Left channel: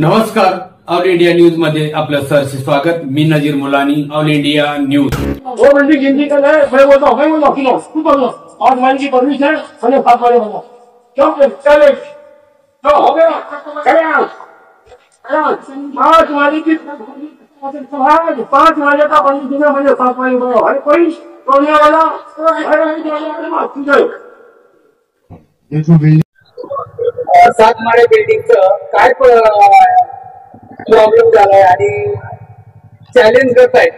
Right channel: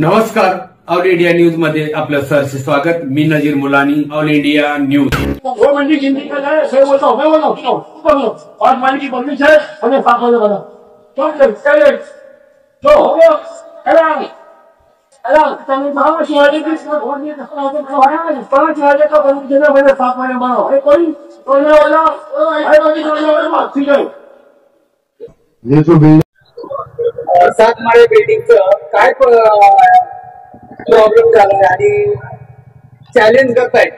नमस्कार, all India news मध्ये आपलं सहर्ष स्वागत। मी नजीर मुलानी, ऑल इंडिया न्यूज। वो मंडी गिनती कर रहे हैं, मैं बोलता हूँ किलो तू कर लो 5 माइल की परमिट है, मैंने 7 वाले बना चले जो हो गया चले 5 वाले की 5 वाले का परमिट है, मैंने 7 वाले बना है। कोई तोड़ने वाला ठीक है। ये जो 7 माळे बिल्डिंगचं काय प्रॉब्लेम झालाय आणि चॅलेंज करतायत।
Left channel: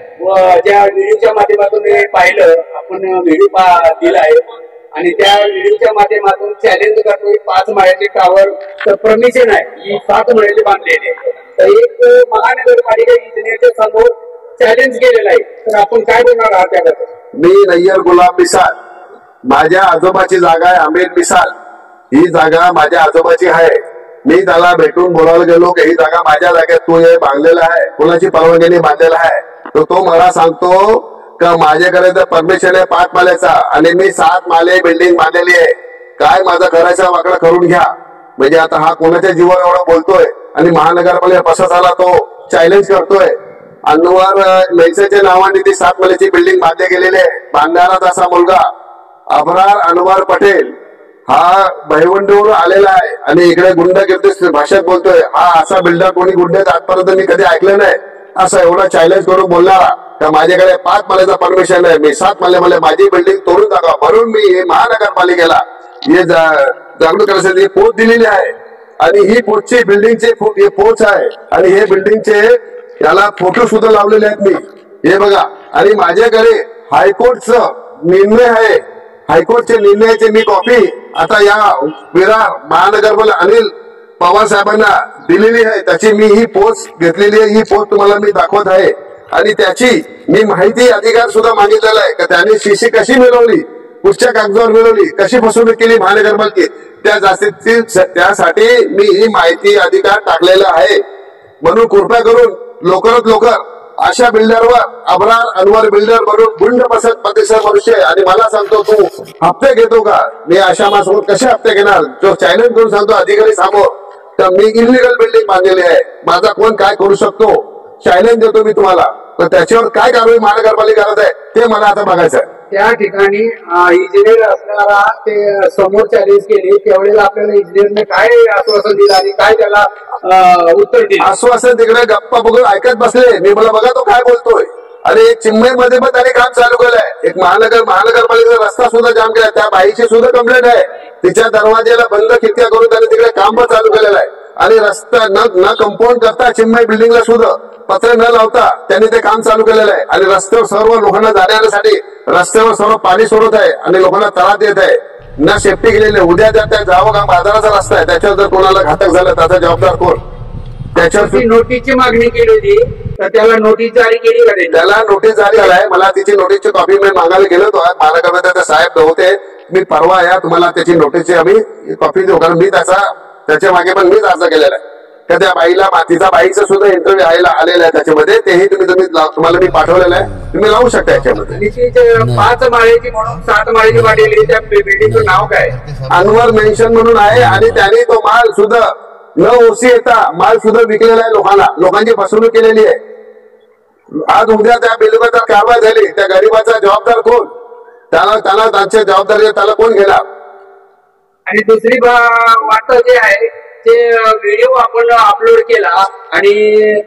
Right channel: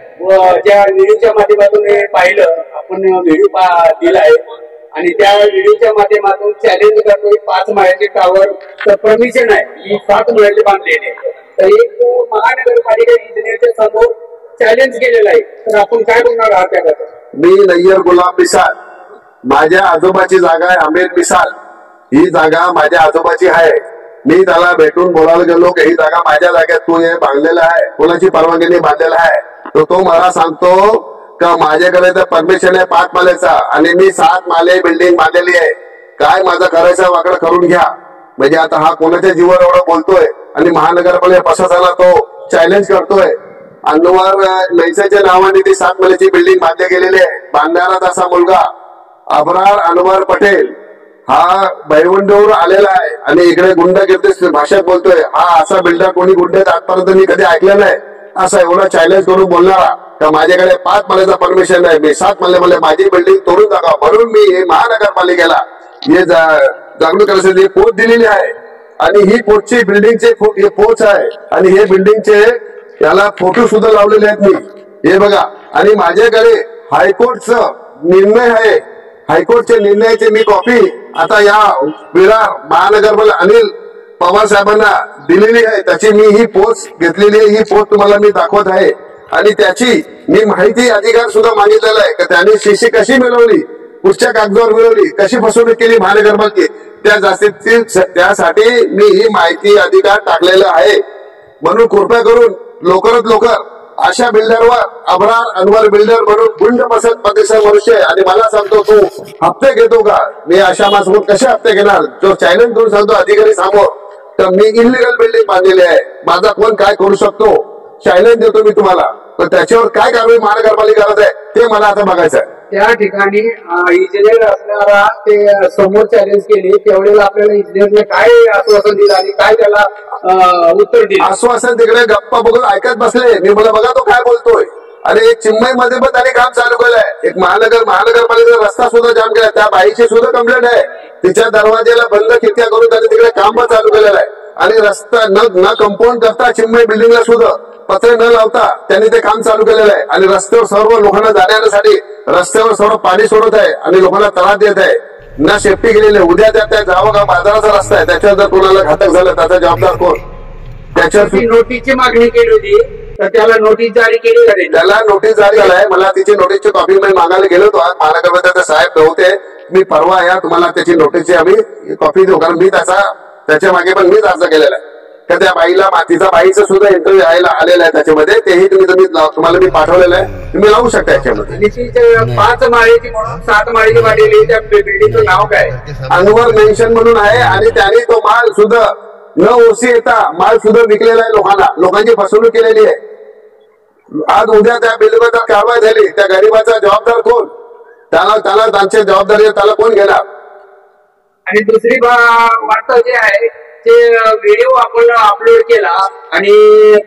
ज्या व्हिडिओच्या माध्यमातून हे पाहिलं, आपण व्हिडिओ दिलाय आणि त्या व्हिडिओच्या माध्यमातून चॅलेंज करतोय 5 माळ्याचे टावर तर परमिशन आहे, मी 7 माळ्याचे बांधलेले। तर एक महानगरपालिका इंजिनियरच्या समोर चॅलेंज केलेलं आहे, तर आपण काय बोलणार आहात त्याबद्दल? मी नय्यर गुलाब मिसाल, माझ्या आजोबाची जागा आहे आमिर मिसाल। ही जागा माझ्या आजोबाची आहे। मी त्याला भेटून बोलायला गेलो की ही जागा माझ्या जागेत तू हे बांधलेलं आहे, कोणाची परवानगीने बांधलेलं आहे? तर तो मला सांगतो का माझ्याकडे तर परमिशन आहे 5 माळ्याचा आणि मी 7 माळे बिल्डिंग बांधलेली आहे, काय माझं करायचं वाकडं करून घ्या। म्हणजे आता हा कोणाच्या जीवावर एवढं बोलतोय आणि महानगरपालिका प्रशासनाला तो चॅलेंज करतोय। अनवर मैसाच्या नावाने ती 7 माळ्याची बिल्डिंग बांधली गेलेली आहे। बांधणारा असा मुलगा अबरार अनवर पटेल हा भैवंडीवर आलेला आहे आणि इकडे गुंडागिरी भाषेत बोलतोय। हा असा बिल्डर कोणी गुंड्यात आजपर्यंत मी कधी ऐकलं नाही, असा एवढा चॅलेंज करून बोलणारा का माझ्याकडे 5 माळ्याचा परमिशन आहे, मी 7 माळे मला माझी बिल्डिंग तोडून टाका। म्हणून मी महानगरपालिकेला हे जागरूक करण्यासाठी पोच दिलेली आहे आणि ही पोचची बिल्डिंगचे पोच आहे आणि हे बिल्डिंगचे याला फोटो सुद्धा लावलेले आहेत मी, हे बघा। आणि माझ्याकडे हायकोर्टचा निर्णय आहे, हायकोर्टच्या निर्णयाची मी कॉपी आता या विरार महानगरपालिका अनिल पवार साहेबांना दिलेली आहे। त्याची मी ही पोच घेतलेली आहे, ही पोच तुम्हाला मी दाखवत आहे आणि त्याची मी माहिती अधिकार सुद्धा मागितलेला आहे की त्यांनी सीसी कशी मिळवली, कुठच्या कागदावर मिळवली, कशी फसवणूक केली महानगरपालिका त्यासाठी मी ही माहिती अधिकार टाकलेला आहे। म्हणून कृपया करून लवकरात लवकर अशा बिल्डरवर अबरार अनवर बिल्डर म्हणून गुंड पसंत मनुष्य आणि मला सांगतो तू हप्ते घेतो का? मी अशा माणसावर कसे हप्ते घेणार जो चॅलेंज करून सांगतो अधिकारी समोर तर मी इलिगल बिल्डिंग बांधलेली आहे, माझा कोण काय करू शकतो चॅलेंज देतो मी तुम्हाला। तर त्याच्यावर काय कारवाई महानगरपालिका करत आहे ते मला आता बघायचं आहे। त्या ठिकाणी इंजिनियर असणारा ते समोर चॅलेंज केली, त्यावेळेला आपल्याला इंजिनियरने काय आश्वासन दिलं आणि काय त्याला उत्तर दिलं? आश्वासन तिकडे गप्पा बघून ऐकत बसले मी, मला बघा तो काय बोलतोय। आणि एक चिन्मय मध्ये पण त्यांनी काम चालू केलंय, एक महानगरपालिकेचा रस्ता सुद्धा जाम केलाय, त्या बाईची सुद्धा कंप्लेंट आहे, तिच्या दरवाज्याला बंद खिडक्या करून त्यांनी तिकडे काम पण चालू केलेलं आहे। आणि रस्ता न कंपाऊंड करता चिन्मय बिल्डिंगला सुद्धा पत्रे न लावता त्यांनी ते काम चालू केलेलं आहे आणि रस्त्यावर सर्व लोकांना जाण्यासाठी रस्त्यावर सर्व पाणी सोडत आहे आणि लोकांना त्रास देत आहे, ना सेफ्टी केलेली आहे। उद्या त्या जावं का बाजाराचा रस्ता आहे, त्याच्यावर जर कोणाला घातक झालं त्याचा जबाबदार कोण? त्याच्यावर नोटीसची मागणी केली होती तर त्याला नोटीस जारी केली का? त्याला नोटीस जारी झालाय, मला तिची नोटीसची कॉपी मी मागायला गेलो होतो। आज महानगरपालिकेचे साहेब नव्हते, मी परवा या तुम्हाला त्याची नोटीसची आम्ही कॉपी देऊ, कारण मी त्याच्या मागे पण मीच अर्ज केलेला आहे का त्या बाईला तिचा बाईचं सुद्धा इंटरव्ह्यू आलेला आहे त्याच्यामध्ये, तेही तुम्हाला मी पाठवलेलं आहे, तुम्ही लावू शकता याच्यामध्ये। 5 माळेची म्हणून 7 माळेची वाढलेली त्या बिल्डिंगचं नाव काय? अनवर मेन्शन म्हणून आहे आणि त्याने तो माल सुद्धा न ओसी येता माल सुद्धा विकलेला आहे लोकांना, लोकांची फसवणूक केलेली आहे। आज उद्या त्या बिल्डिंगवर कारवाई झाली, त्या गरीबाचा जबाबदार कोण? त्याला त्यांच्या जबाबदारी त्याला कोण घेणार? आणि दुसरी वाट जे आहे ते व्हिडिओ आपण अपलोड केला आणि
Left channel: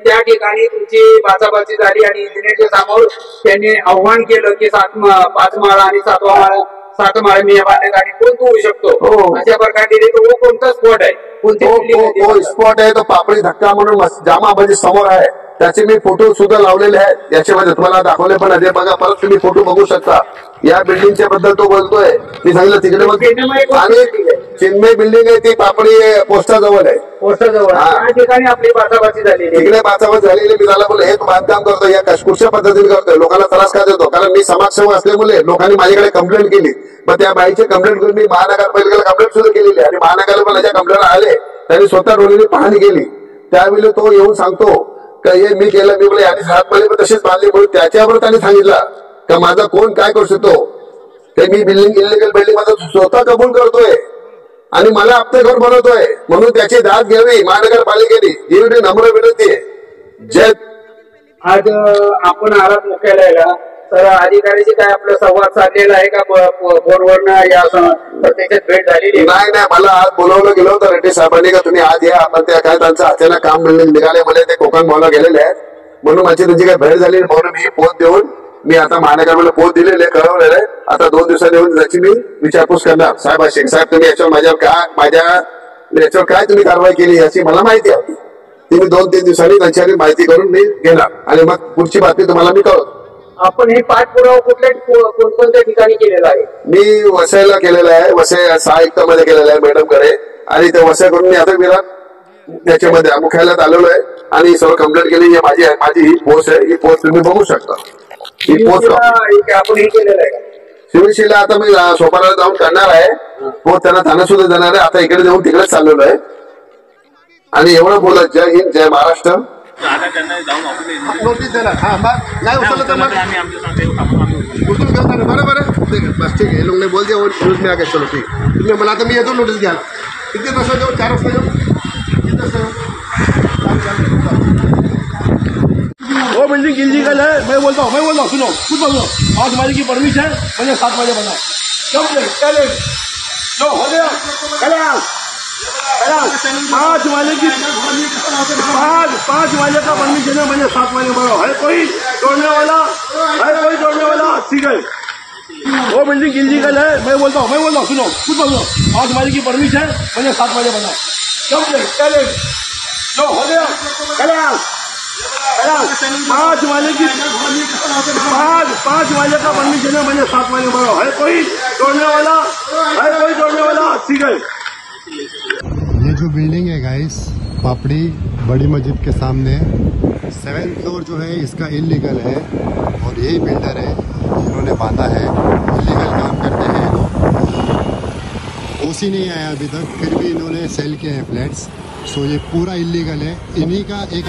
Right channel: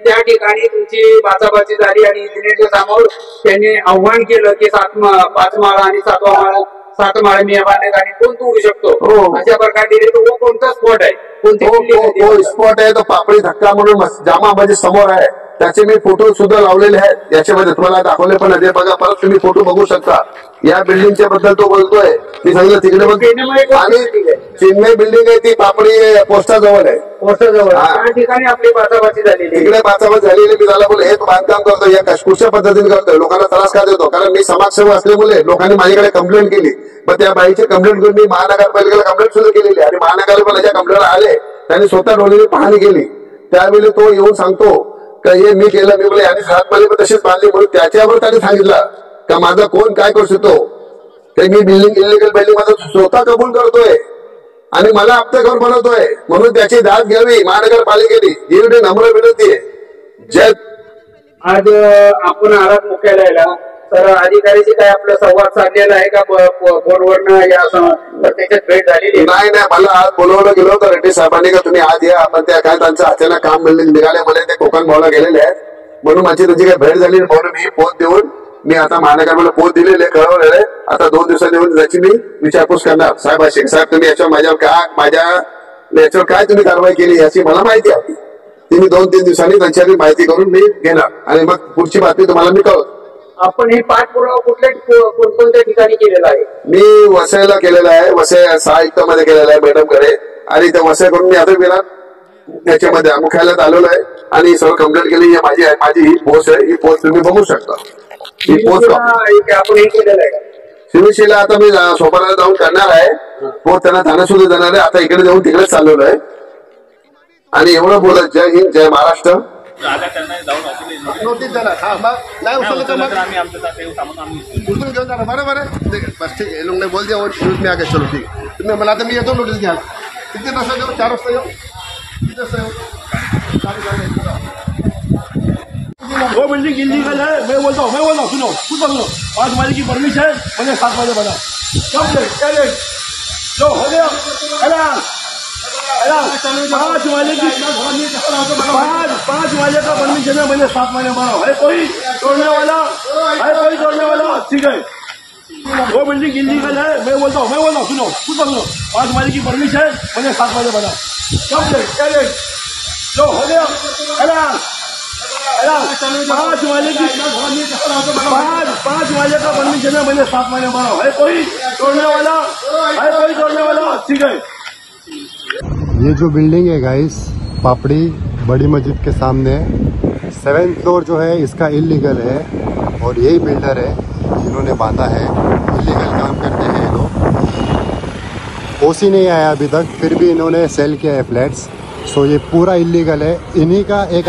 त्या ठिकाणी तुमची बाचाबाची झाली आणि इंजिनियरच्या समोर त्यांनी आव्हान केलं की 5 माळा आणि 7वा माळा 7 माळे मी बांधलेत आणि कोण तोडू शकतो अशा प्रकारे दिले। तो कोणता स्पॉट आहे? तो स्पॉट आहे तो पापडी धक्का म्हणून जामाबाजी समोर आहे, त्याचे मी फोटो सुद्धा लावलेले आहेत, याच्यामध्ये तुम्हाला दाखवले पण आहे, बघा परत तुम्ही फोटो बघू शकता। या बिल्डिंगच्या बद्दल तो बोलतोय, मी सांगितलं तिकडे बघ आणि चिन्मय बिल्डिंग आहे ती पापडी पोस्टाजवळ आहे, पोस्टाजवळ त्या ठिकाणी आपली बाचाबाची झालेली, इकडे बाचाबाची झालेली। मी त्याला बोललो हे तू बांधकाम करतो या कुठच्या पद्धतीने करतोय, लोकांना त्रास का देतो? कारण मी समाजसेवक असल्यामुळे लोकांनी माझ्याकडे कंप्लेंट केली, पण त्या बाईची कंप्लेंट करून मी महानगरपालिकेला कंप्लेंट सुद्धा केलेली आणि महानगरपालिकेच्या कंप्लेंट आले, त्यांनी स्वतः डोळ्यांनी पाहणी केली। त्यावेळी तो येऊन सांगतो का हे मी केलं, मी बोले आणि 7 माळे पण तशीच बांधली, म्हणून त्याच्यावर त्यांनी सांगितलं का माझा कोण काय करू शकतो, मी बिल्डिंग इलिगल बिल्डिंग मध्ये स्वतः कबूल करतोय आणि मला आपलं घर बनवतोय म्हणून त्याची दाद घ्यावी महानगरपालिकेने, ही नम्र विनंती आहे. जय. आज आपण आलात मुख्यालयाला, तर अधिकाऱ्याशी काय आपला संवाद साधलेला आहे का? फोनवरनं या प्रत्यक्षात भेट झालेली आहे? नाही, मला आज बोलवलं गेलो होतं रेड्डी साहेबांनी का तुम्ही आज या, पण त्या काय त्यांचं अचानक काम निघाले मला, ते कोकण भावला गेलेले आहेत म्हणून माझी त्यांची काही भेट झाली म्हणून मी पोस्ट देऊन मी आता महानगरपालिकेला पोस्ट दिलेले, कळवलेले. आता 2 दिवसांनी येऊन त्याची मी विचारपूस करणार. साहेब तुम्ही याच्यावर माझ्या याच्यावर काय तुम्ही कारवाई केली याची मला माहिती आहे. ती मी 2-3 दिवसांनी त्यांच्याकडे माहिती करून मी घेणार आणि मग पुढची बातमी तुम्हाला मी कळवतो. आपण हे पाठपुरावा कोणत्या ठिकाणी केलेला आहे? मी वसईला केलेला आहे, वसई 6 आयुक्तामध्ये केलेला आहे मॅडमकडे, आणि त्या वसई करून मी आता गेला त्याच्यामध्ये मुख्यालयात आलेलो आहे आणि सर्व कंप्लेंट केली. माझी ही पोस्ट आहे, ही पोस्ट तुम्ही बघू शकता. ही पोस्ट आपण हे केलेलं आहे का? शिवसेना आता मी सोपाराला जाऊन करणार आहे, पोस्ट त्यांना थाना सुद्धा देणार आहे. आता इकडे देऊन तिकडेच चाललेलो आहे आणि एवढं बोलत जय हिंद जय महाराष्ट्र. नोटीस देणार. हा मग नाही उचललं तर मग उचलून घेता ना. बरोबर आहे, बस ठीक आहे. हे लोक नाही बोलते और पुलिस में आ गए. चलो ठीक आहे, तुम्ही मला आता मी येतो नोटीस घ्या. किती वाजता जाऊ? 4 वाजता जाऊ? किती वाजता येऊ? वो बिल्डिंग इलीगल है, मैं बोलता हूँ सुनो खुद बोलो. 5 माले की परमिशन है, मैंने 7 माले बना. चलो हो गया. 5 माले की 5 माले का परमिशन है, मैंने 7 माले बनाओ. है कोई तोड़ने वाला? ठीक है. वो बिल्डिंग इलीगल है, मैं बोलता हूँ सुनो खुद बोलो. 5 माले की परमिशन है, मैंने 7 माले बनाओ. चलो हो गया. 5 माले की 5 माले का परमिशन है, मैंने 7 माले बनाओ. है कोई तोड़ने वाला? ठीक है. ये जो बिल्डिंग है गाइस पापड़ी बड़ी मस्जिद के सामने, 7th फ्लोर जो है इसका इलीगल है और यही बिल्डर है जिन्होंने बांधा है. इलीगल काम करते हैं लोग. ओसी नहीं आया अभी तक, फिर भी इन्होंने सेल किया है फ्लैट्स. सो ये पूरा इलीगल है. इन्हीं का एक